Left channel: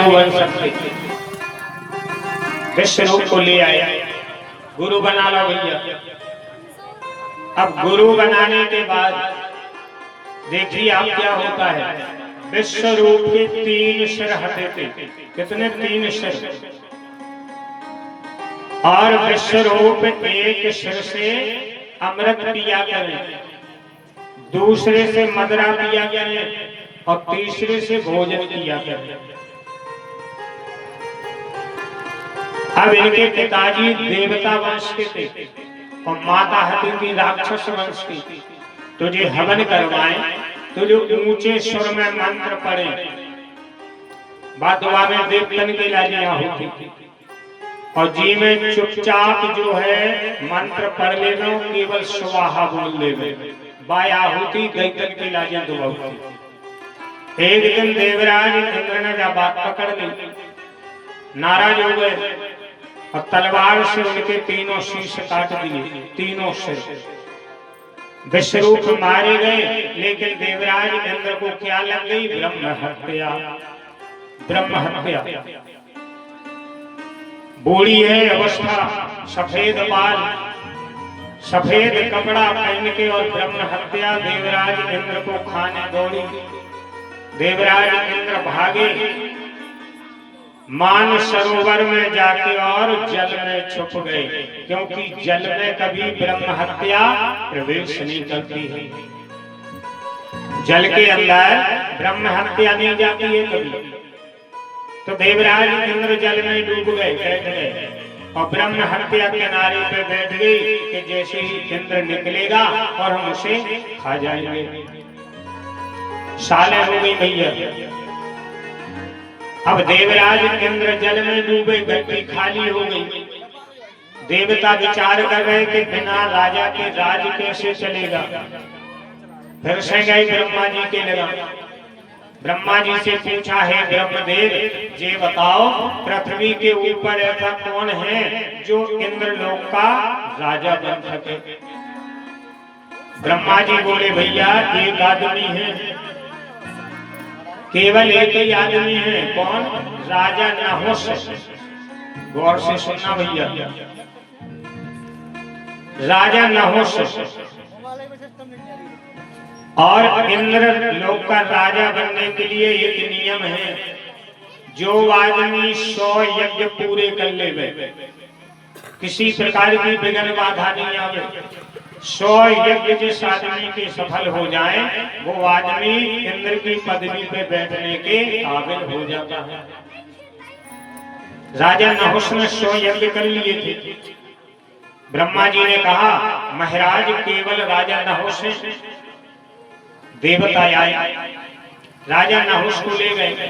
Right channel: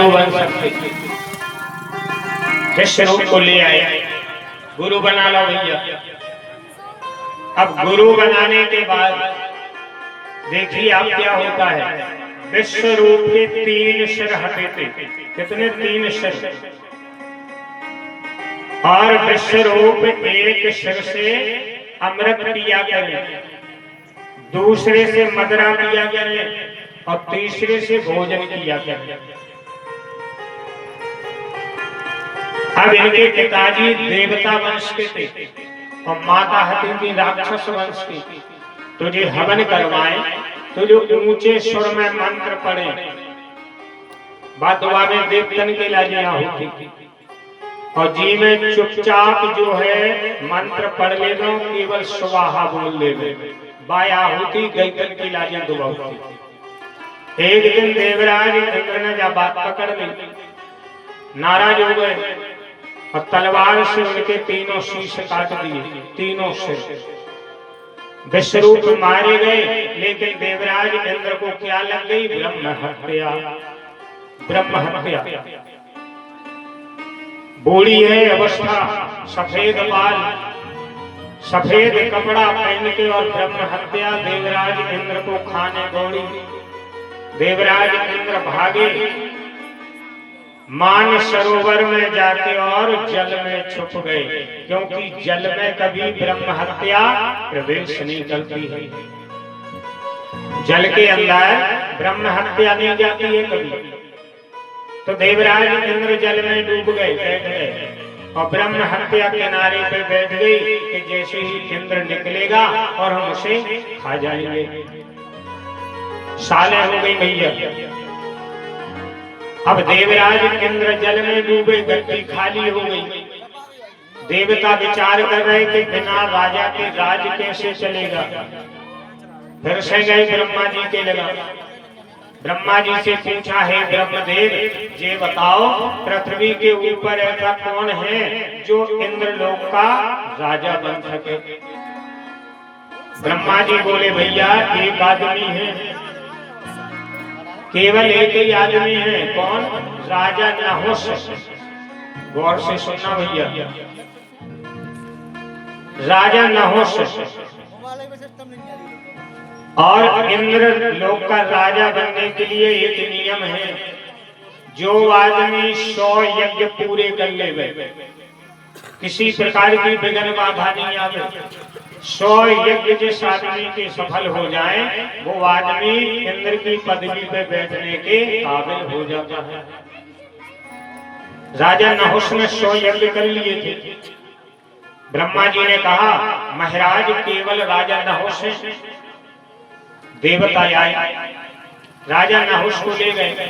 तो बन सकते, विश्व रूप को ले आए, गुरु बना लो भैया। अब गुरु बनाने के बाद देखिए आप क्या होता है, विश्व रूप के 3 सिर हटे थे। कितने? 3 सिर। और विश्व रूप एक सिर से अमृत पिया करें, दूसरे से मदिरा पिया करें और तीसरे से भोजन किया करें। अब इनके पिताजी देवता वंश के थे और माता हती थी राक्षस वंश की। तो जो हवन करवाए तो जो ऊंचे स्वर में मंत्र पढ़े, बात में देवतन के लाजिया होती, और जी में चुपचाप जो है मंत्र पढ़ लेना, केवल स्वाहा बोल ले, बाया होती गई तन की लाजिया दुबा। एक दिन देवराज इंद्र ने जब बात पकड़ ली, नाराज हो गए और तलवार से उनके 3 शीश काट दिए, 3 सिर। विश्वरूप मारे गए, लेकिन देवराज इंद्र को क्या लग गई? ब्रह्म हत्या। ब्रह्म हत्या। बूढ़ी है अवस्था, सफेद बाल, सफेद कपड़ा पहन के और ब्रह्म हत्या। देवराज इंद्र को खाने दौड़ी। देवराज इंद्र भागे, मान सरोवर में जाके और जल में छुप गए, क्योंकि जल में कभी ब्रह्म हत्या प्रवेश नहीं करती है। जल के अंदर ब्रह्म हत्या नहीं जाती है कभी। तो देवराज इंद्र जल में डूब गए, बैठ गए, और ब्रह्म हत्या किनारे पे बैठ गई कि जैसे ही इंद्र निकलेगा और हम उसे खा जाएंगे। सालें हो गई भैया। अब देवराज इंद्र जल में डूबे, गद्दी खाली हो गई। देवता विचार कर रहे कि बिना राजा के राज कैसे चलेगा। फिर से गए ब्रह्मा जी के लगा। ब्रह्मा जी से पूछा, है ब्रह्मदेव ये बताओ, पृथ्वी के ऊपर ऐसा कौन है जो इंद्रलोक का राजा बन सके? ब्रह्मा जी बोले, भैया एक आदमी है, केवल एक ही आदमी है। कौन? राजा नहुष। गौर से सुनना भैया, राजा नहुष। और इंद्र लोक का राजा बनने के लिए एक नियम है, जो आदमी 100 यज्ञ पूरे कर ले, किसी प्रकार की विघ्न बाधा नहीं आवे, 100 यज्ञ जिस आदमी के सफल हो जाए, वो आदमी इंद्र की पदवी पे बैठने के काबिल हो जाता है। राजा नहुष ने 100 यज्ञ कर लिए थे। ब्रह्मा जी ने कहा, महाराज केवल राजा नहुष है। देवता आए, राजा नहुष को ले गए,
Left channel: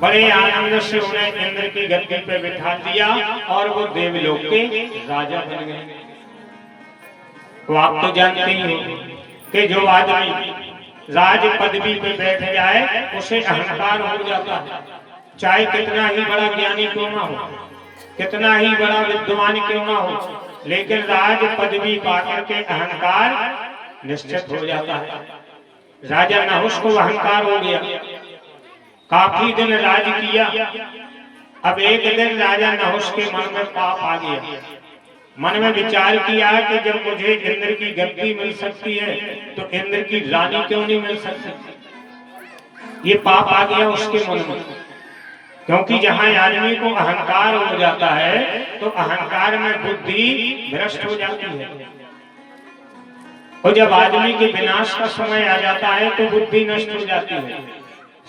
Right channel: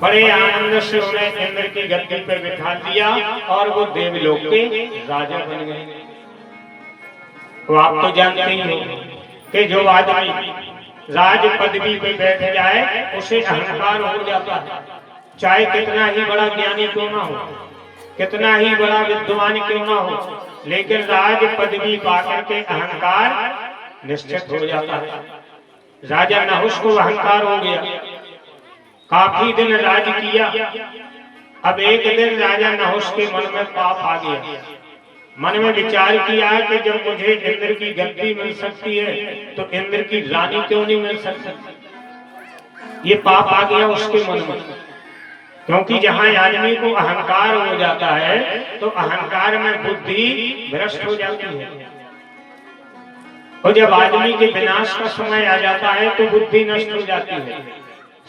बड़े आनंद से उन्हें इंद्र की गद्दी पे बिठा दिया और वो देवलोक के राजा बन गए। तो आप तो जानते ही हो कि जो आदमी राज पदवी पे बैठ जाए उसे अहंकार हो जाता है, चाहे कितना ही बड़ा ज्ञानी क्यों ना हो, कितना ही बड़ा विद्वान क्यों ना हो, लेकिन राज पदवी पाकर के अहंकार निश्चित हो जाता है। राजा नहुष को अहंकार हो गया, काफी दिन राज किया। अब एक दिन राजा नहुष के मन में पाप आ गया। मन में विचार किया कि जब मुझे इंद्र की गद्दी मिल सकती है तो इंद्र की रानी क्यों नहीं मिल सकती। ये पाप आ गया उसके मन में, क्योंकि जहां आदमी को अहंकार हो जाता है तो अहंकार में बुद्धि भ्रष्ट हो जाती है, और जब आदमी के विनाश का समय आ जाता है तो बुद्धि नष्ट हो जाती है।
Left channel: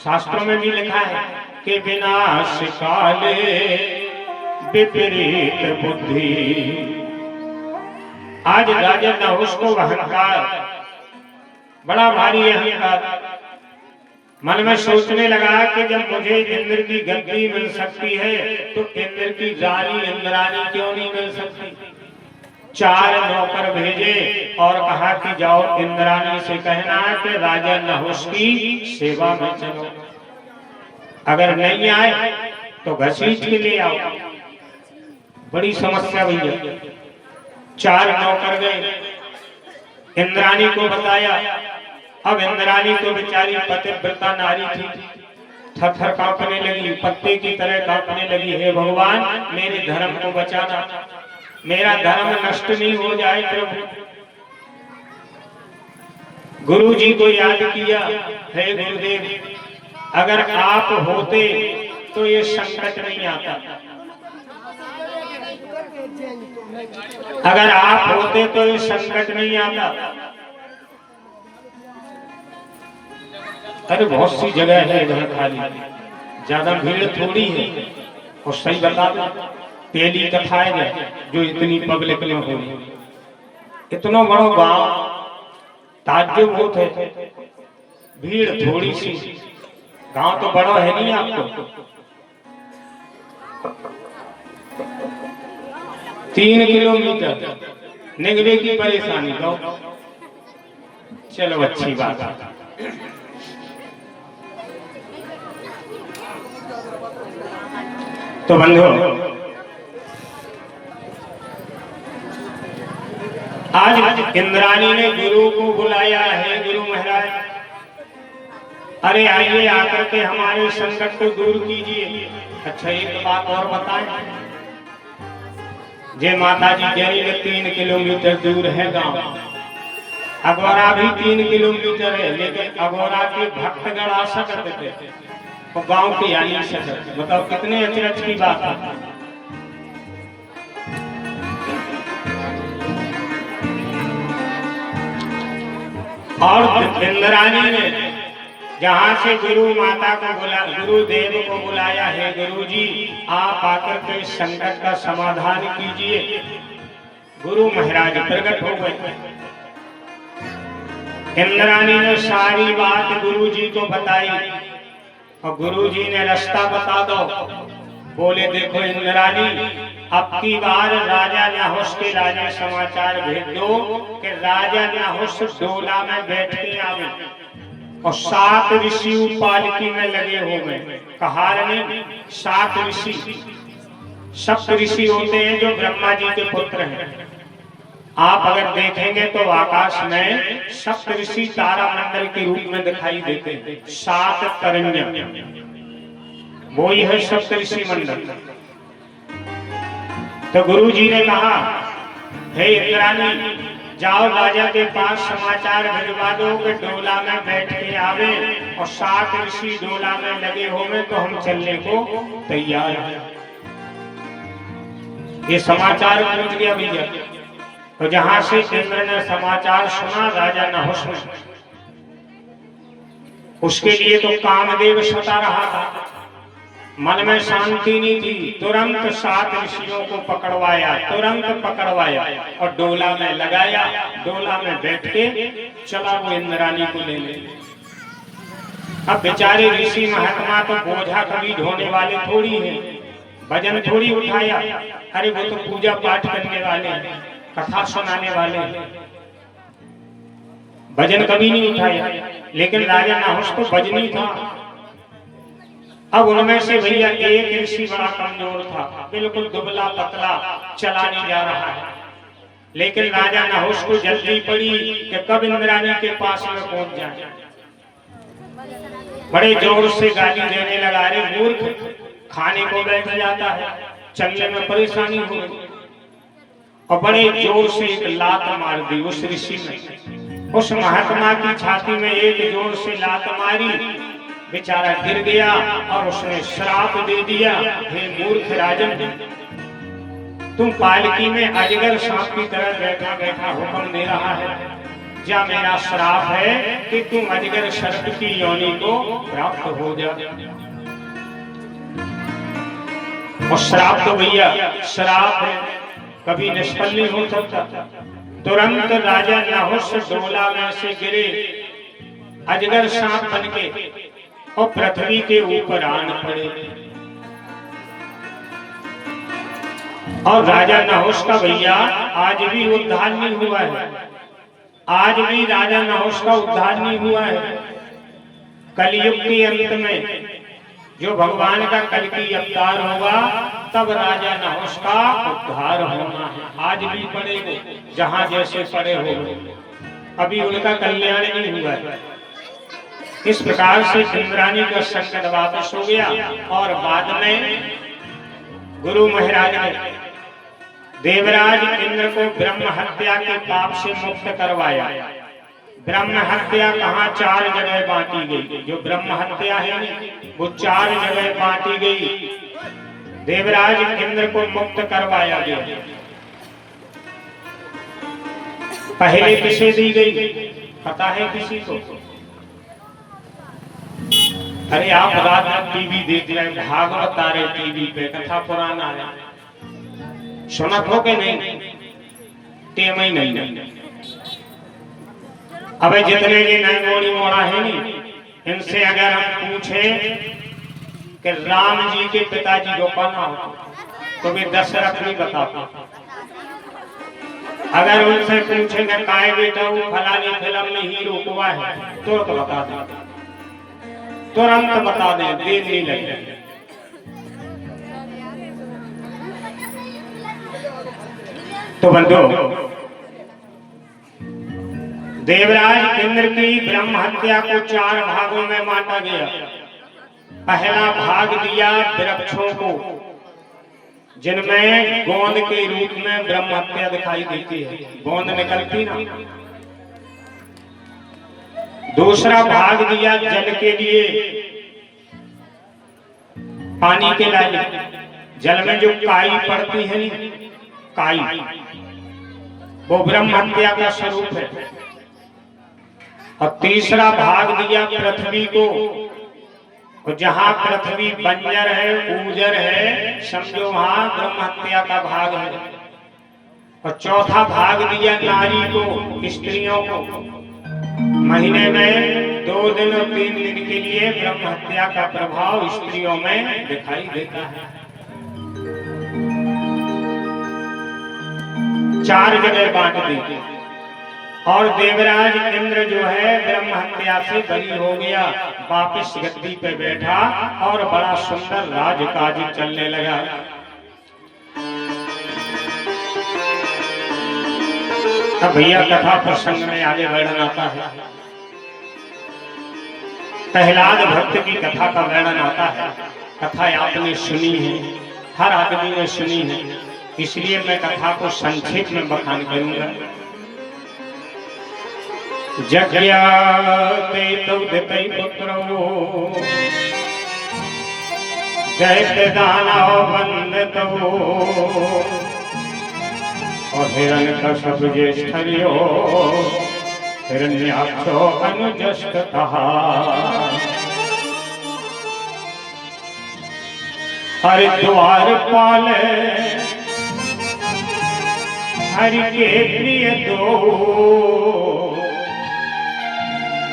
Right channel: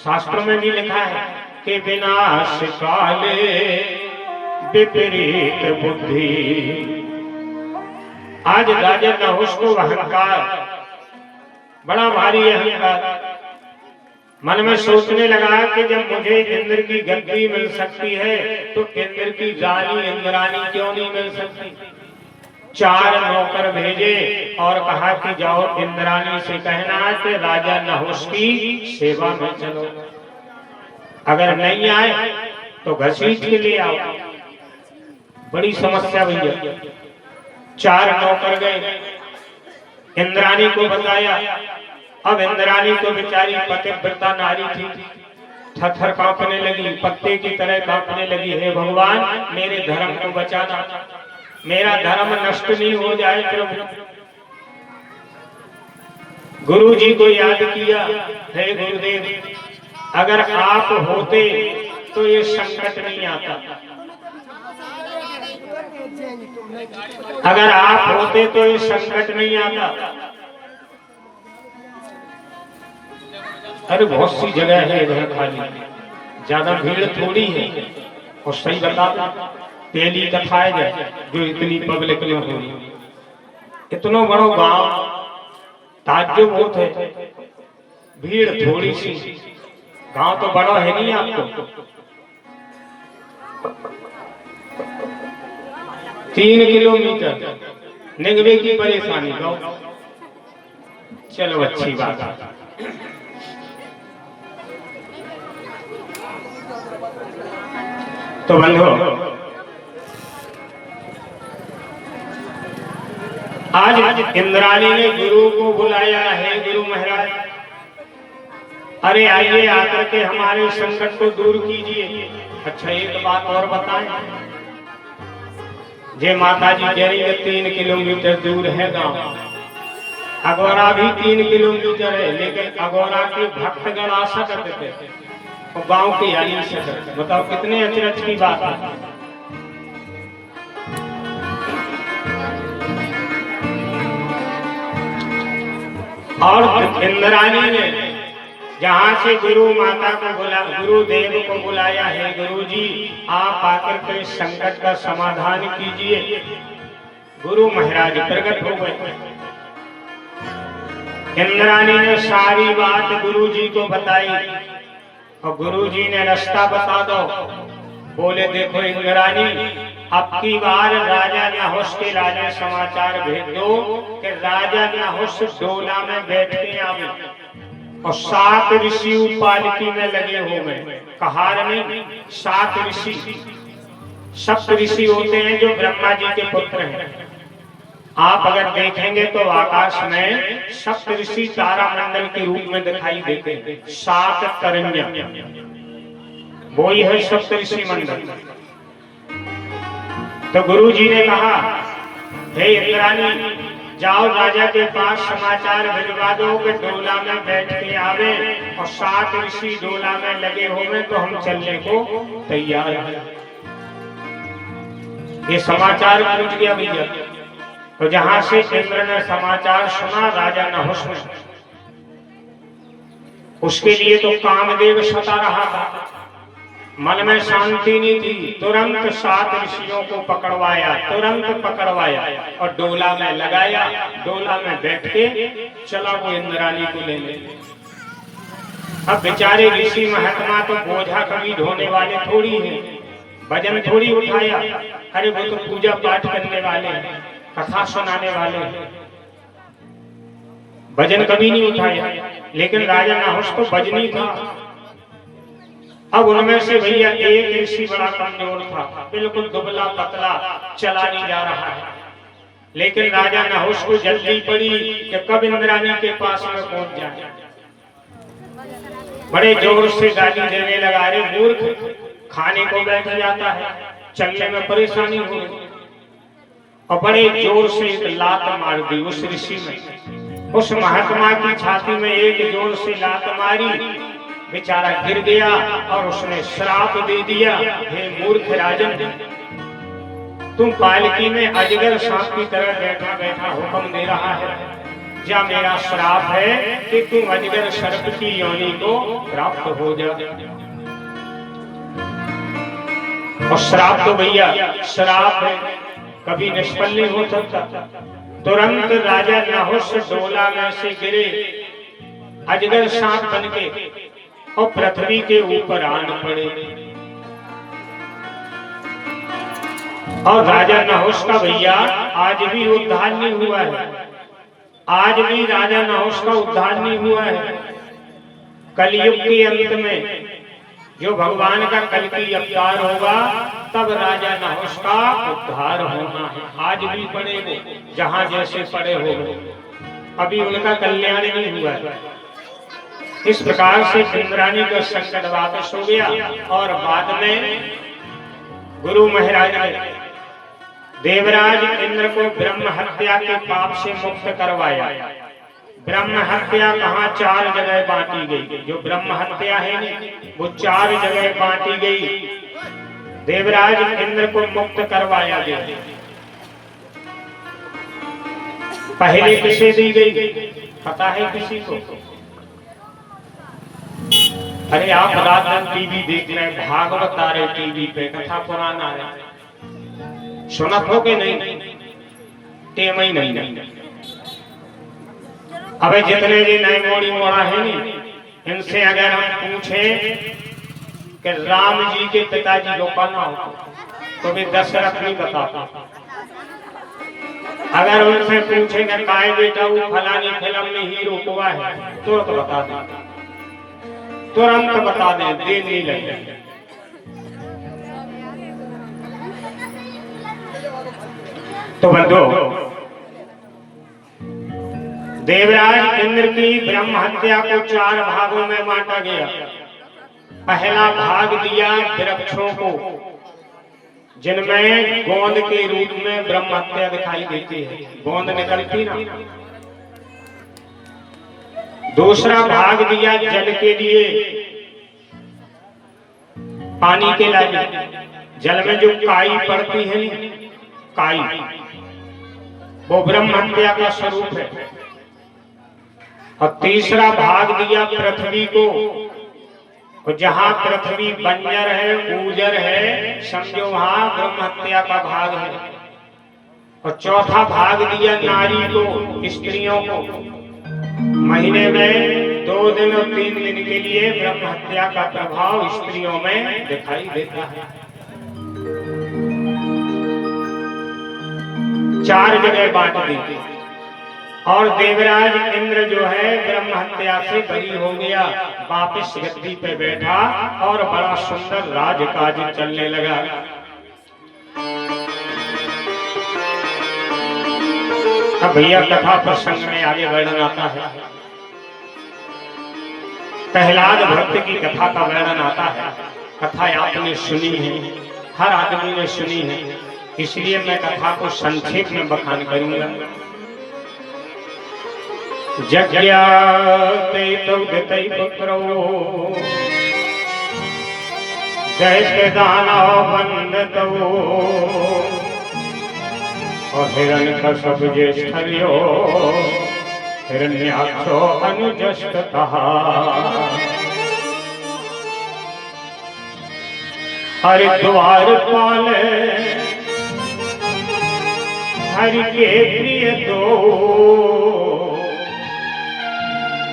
शास्त्रों में भी लिखा है कि विनाश काले विपरीत बुद्धि। आज राजा नहुष को अहंकार, बड़ा भारी अहंकार, मन में सोचने लगा कि जब मुझे इंद्र की गद्दी मिल सकती है तो इंद्र की रानी इंद्रानी क्यों नहीं मिल सकती। 4 नौकर भेजे और कहा कि जाओ इंद्रानी से कहना कि राजा नहुष की सेवा में चलो, अगर नहीं आए तो घसीट के ले आओ। बड़ी समस्या भैया। 4 नौकर गए, इंद्रानी को बताया। अब इंद्रानी तो बेचारी पतिव्रता नारी थी, थर-थर कांपने लगी, पत्ते की तरह कांपने लगी। हे भगवान मेरे धर्म को बचाना, मेरा धर्म नष्ट नहीं हो जाए प्रभु। गुरु जी को याद किया, हे गुरुदेव अगर आप होते तो ये संकट नहीं आता, अगर आप होते तो ये संकट नहीं आता। अरे बहुत सी जगह है इधर खाली, ज्यादा भीड़ थोड़ी है। और सही बता दो, पहली कथा है जो इतनी पब्लिक में हो, इतना बड़ा गांव, ताज्जुब होता है, भीड़ थोड़ी सी। गांव तो बड़ा है नहीं आपको, 3 किलोमीटर निगवे की परेशानी दो। चलो अच्छी बात है। तो बंधु आज इंद्राणी ने गुरु को बुलाया है, गुरु महाराज अरे आइए आकर के हमारे संकट को दूर कीजिए। अच्छा एक बात और बताएं, जे माता जी जरी 3 किलोमीटर दूर है गांव, अगोरा भी 3 किलोमीटर है, लेकिन अगोरा के भक्तगण आ सकते थे और गांव के आ नहीं सकते। बताओ कितने अचरज की बात है। और इंद्राणी ने जहां से गुरु माता को गुरुदेव को बुलाया है, गुरु जी आप आकर के संकट का समाधान कीजिए। गुरु महाराज प्रकट हो गए। इंद्राणी ने सारी बात गुरु जी को बताई और गुरु जी ने रास्ता बता दो। बोले देखो इंद्राणी, अब की बार राजा नहुष के राजा समाचार भेज दो कि राजा नहुष डोला में बैठ के आवे और 7 ऋषि पालकी में लगे हो गए। कहार में 7 ऋषि, 7 ऋषि होते हैं जो ब्रह्मा जी के पुत्र हैं। आप अगर देखेंगे तो आकाश में 7 ऋषि तारामंडल के रूप में दिखाई देते हैं। 7 तरंगियां, वो ही है 7 ऋषि मंडल। तो गुरु जी ने कहा, हे इंद्राणी जाओ राजा के पास समाचार भिजवा दो कि डोला में बैठ के आवे और 7 ऋषि डोला में लगे होंगे तो हम चलने को तैयार हैं। ये समाचार पहुंच गया भैया। तो जहां से इंद्र ने समाचार सुना राजा नहुष ने, उसके लिए तो कामदेव सता रहा था, मन में शांति नहीं थी। तुरंत 7 ऋषियों को पकड़वाया, तुरंत पकड़वाया और डोला में लगाया। डोला में बैठ के चला वो इंद्राणी को लेने। अब बेचारे ऋषि महात्मा तो बोझा कभी ढोने वाले थोड़ी हैं, वजन थोड़ी उठाया। अरे वो तो पूजा पाठ करने वाले हैं, कथा सुनाने वाले हैं, वजन कभी नहीं उठाया। लेकिन राजा नहुष तो वजनी था। अब उनमें से भैया एक ऋषि बड़ा कमजोर था, बिल्कुल दुबला पतला, चला नहीं जा रहा है। लेकिन राजा नहुष को जल्दी पड़ी कि कब इंद्राणी के पास में पहुंच जाए। बड़े जोर से गाली देने लगा, रे मूर्ख, खाने को बैठ जाता है, चलने में परेशानी हो रही। और बड़े जोर से एक लात मार दी उस ऋषि में। उस महात्मा की छाती में एक जोर से लात मारी, बेचारा गिर गया और उसने श्राप दे दिया, हे मूर्ख राजन, तुम पालकी में अजगर सांप की तरह बैठा बैठा हुक्म दे रहा है। जा मेरा श्राप है कि तुम अजगर सर्प की योनि को प्राप्त हो जा। और श्राप तो भैया श्राप है, कभी निष्फल नहीं हो सकता। तुरंत राजा नहुष डोला में से गिरे, अजगर सांप बन के और पृथ्वी के ऊपर आन पड़े। और राजा नहुष का भैया आज भी उद्धार नहीं हुआ है, आज भी राजा नहुष का उद्धार नहीं हुआ है। कलयुग के अंत में जो भगवान का कल की अवतार होगा तब राजा नहुष का उद्धार होना है। आज भी पड़े जहां जैसे पड़े हो, अभी उनका कल्याण नहीं हुआ है। इस प्रकार से इंद्राणी का संकट वापस हो गया और बाद में गुरु महाराज ने देवराज इंद्र को ब्रह्म हत्या के पाप से मुक्त करवाया। ब्रह्म हत्या कहाँ 4 जगह बांटी गई। जो ब्रह्म हत्या है वो 4 जगह बांटी गई। देवराज इंद्र को मुक्त करवाया गया। पहले किसे दी गई पता है किसी को? अरे आप रात में टीवी देख रहे हैं, भागवत आ रहे टीवी पे, कथा पुराना है, सुनत हो के नहीं? टेम ही नहीं। अब जितने ये नए मोड़ी मोड़ा है नी, इनसे अगर हम पूछे कि राम जी के पिताजी को कौन हो तो वे दशरथ नहीं बताता। अगर उनसे पूछेगा काय बेटा वो फलानी फिल्म में हीरो हुआ है तो बता दे, तुरंत बता दे, देर नहीं लगे। तो बंधु, देवराज इंद्र की ब्रह्म हत्या को 4 भागों में बांटा गया। पहला भाग दिया वृक्षों को जिनमें गोंद के रूप में ब्रह्म हत्या दिखाई देती है, गोंद निकलती ना। दूसरा भाग दिया जल के लिए, पानी के लिए, जल में जो काई पड़ती है काई, वो ब्रह्म हत्या का स्वरूप है। और तीसरा भाग दिया पृथ्वी को, और जहां पृथ्वी बंजर है, ऊजर है, समझो वहां ब्रह्म हत्या का भाग है। और चौथा भाग दिया नारी को, स्त्रियों को। महीने में 2 दिन और 3 दिन के लिए ब्रह्म हत्या का प्रभाव स्त्रियों में दिखाई देता है। 4 जगह बांट दी। और देवराज इंद्र जो है ब्रह्म हत्या से बरी हो गया, वापिस गद्दी पे बैठा और बड़ा सुंदर राजकाज चलने लगा। अब भैया कथा प्रसंग में आगे वर्णन आता है। प्रहलाद भक्त की कथा का वर्णन आता है। कथा आपने सुनी है, हर आदमी ने सुनी है, इसलिए मैं कथा को संक्षेप में बखान करूंगा। जज्ञाते तौदितै पुत्रो दैत्य दानव बंदतो और हिरण्यकश्यप ज्येष्ठर्यो हिरण्याक्षो अनुजस्ततः। हरिद्वार पाल हरि के प्रिय दो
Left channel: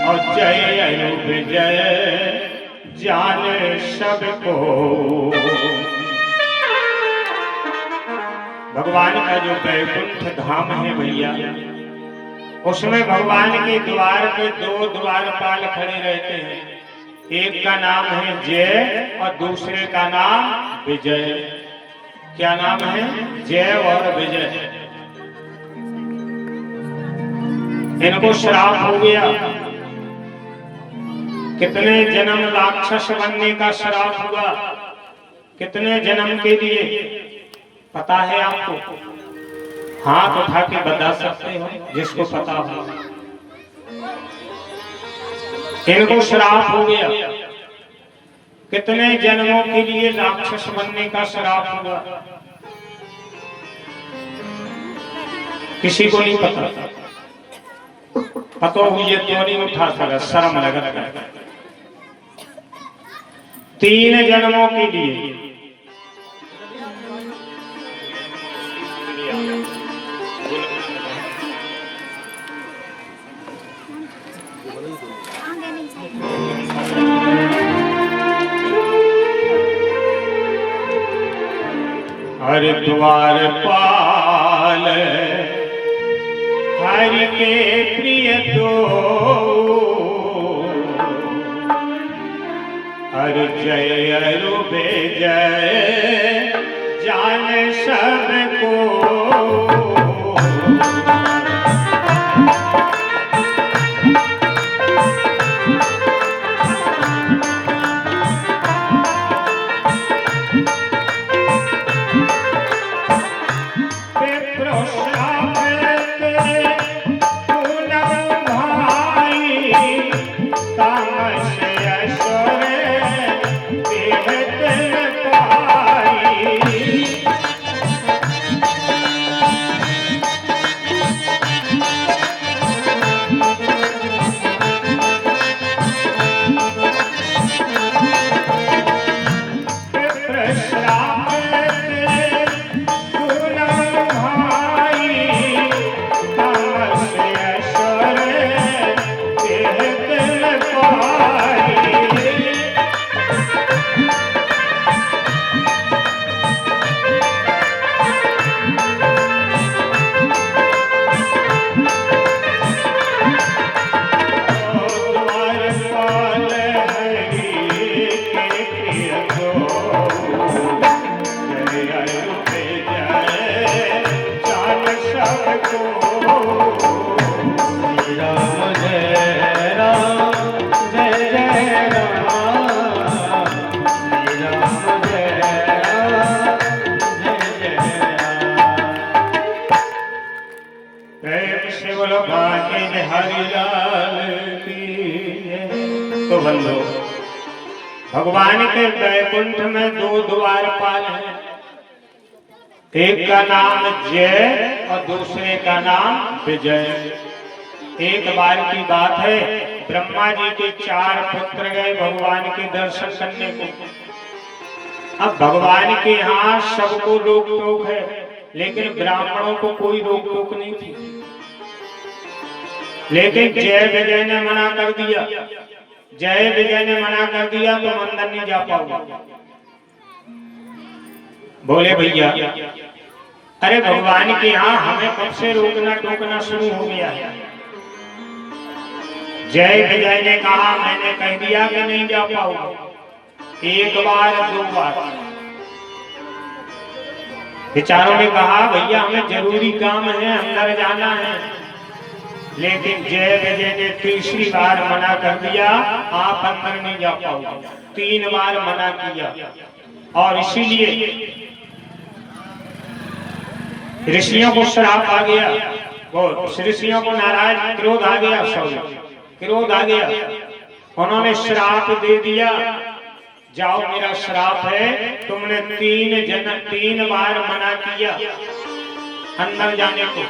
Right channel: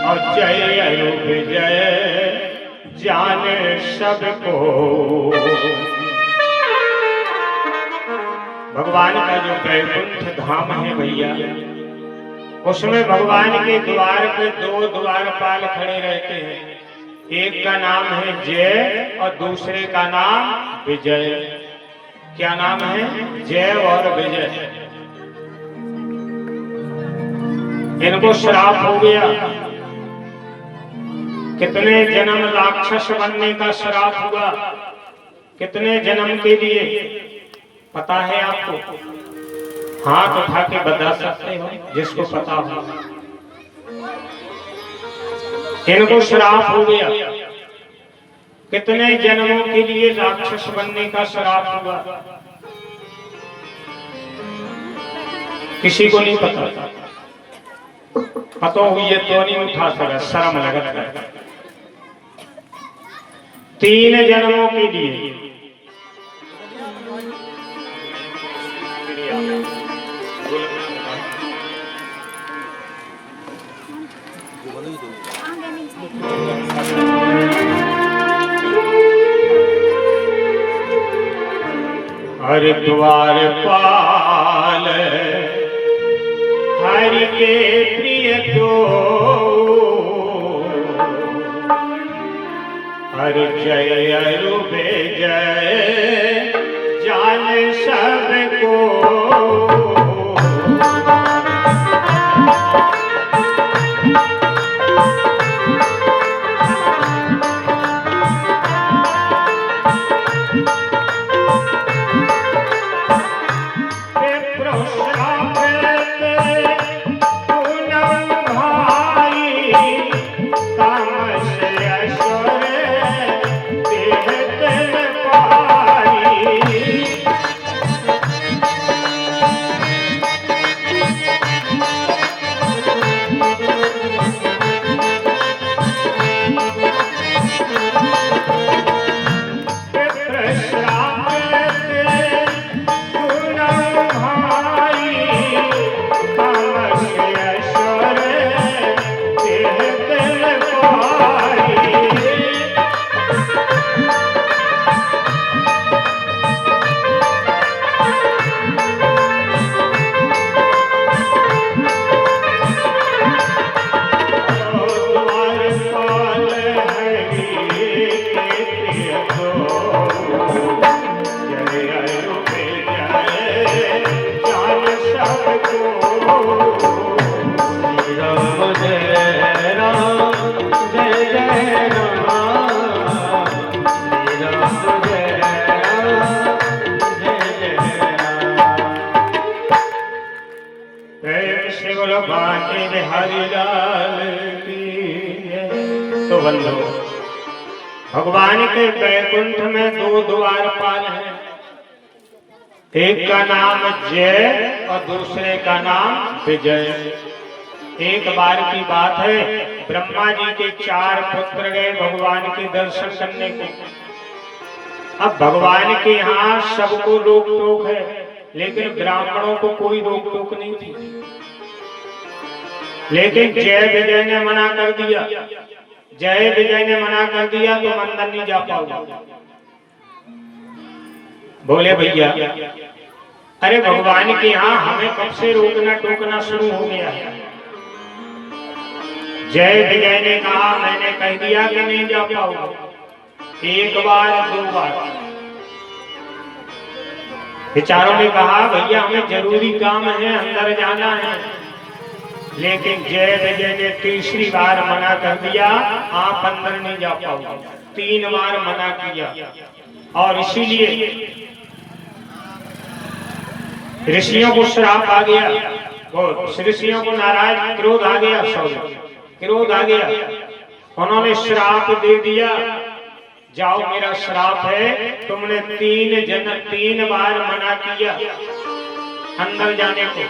और जय विजय जाने सबको। भगवान का जो वैकुंठ धाम है भैया, उसमें भगवान के द्वार पे 2 द्वारपाल खड़े रहते हैं। एक का नाम है जय और दूसरे का नाम विजय। क्या नाम है? जय और विजय। इनको श्राप हो गया। कितने जन्म राक्षस बनने का श्राप हुआ, कितने जन्म के लिए पता है आपको? हाथ उठा के बता सकते हो जिसको पता हो। इनको श्राप हो गया। कितने जन्मों के लिए राक्षस बनने का श्राप हुआ किसी को नहीं पता। पता हुई तो नहीं उठा सका, शर्म लगता। 3 जन्मों के लिए हरिद्वार पाल हरि के प्रिय दो हरि जय अरुबे जय जान सबको। बंधो। भगवान के वैकुंठ में दो द्वारपाल हैं, एक का नाम जय और दूसरे का नाम विजय। एक बार की बात है, ब्रह्मा जी के 4 पुत्र गए भगवान के दर्शन करने को। अब भगवान के यहाँ सबको रोक टोक है, लेकिन ब्राह्मणों को कोई रोक टोक नहीं थी। लेकिन जय विजय ने मना कर दिया। जय विजय ने मना कर दिया तो अंदर नहीं जा पाओगे। बोले भैया, अरे भगवान के यहाँ हमें कब से रोकना टोकना शुरू हो गया है? जय विजय ने कहा, मैंने कह दिया कि नहीं जा पाओगे। एक बार 2 बार बेचारों ने कहा, भैया हमें जरूरी काम है, अंदर जाना है। लेकिन जय विजय ने तीसरी बार मना कर दिया, आप अंदर नहीं जा पाओगे। 3 बार मना किया। और इसीलिए ऋषियों को श्राप आ गया, वो ऋषियों को नाराज क्रोध आ गया, क्रोध आ गया। उन्होंने श्राप दे दिया, जाओ मेरा श्राप है, तुमने 3 बार मना किया अंदर जाने को,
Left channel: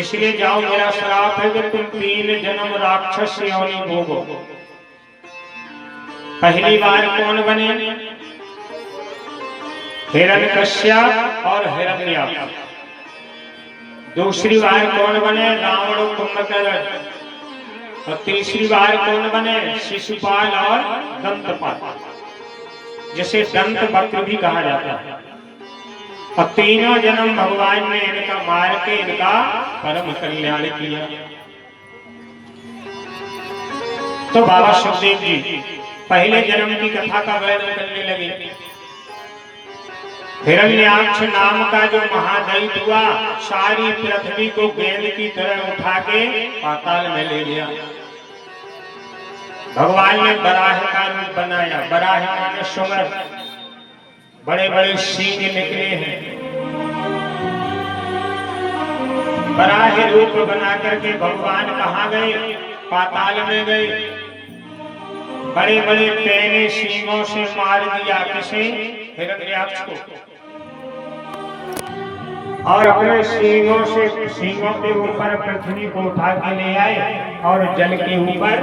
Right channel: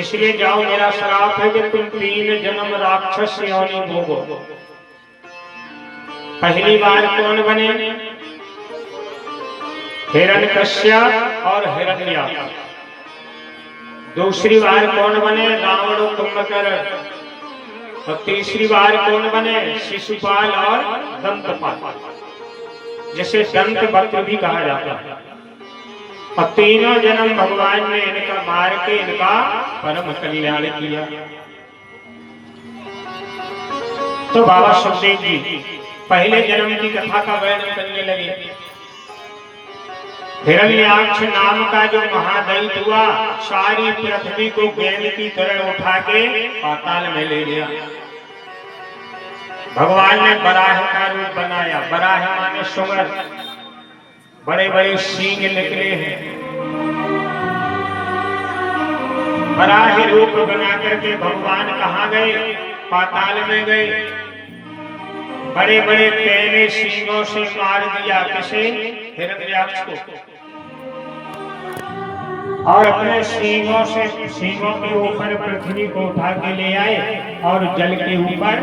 इसलिए जाओ मेरा श्राप है कि तुम 3 जन्म राक्षस योनि भोगो। पहली बार कौन बने? हिरण्यकश्यप और हिरण्याक्ष। दूसरी बार कौन बने? रावण कुंभकर्ण। और तीसरी बार कौन बने? शिशुपाल और दंतपाल, जिसे दंत वक्र भी कहा जाता है। और 3 जन्म भगवान ने इनका मार के इनका परम कल्याण किया। तो बाबा सुखदेव जी पहले जन्म की कथा का वर्णन करने लगे। हिरण्याक्ष नाम का जो महादैत्य हुआ, सारी पृथ्वी को गेंद की तरह उठा के पाताल में ले गया। भगवान ने बराह का रूप बनाया। बराह माने सुंगर, बड़े बड़े सींग निकले हैं। बराह रूप बना करके भगवान कहाँ गए? पाताल में गए। बड़े बड़े पैने सींगों से मार दिया, किसे? हिरण्याक्ष को। और अपने सींगों के ऊपर पृथ्वी को उठा के ले आए और जल के ऊपर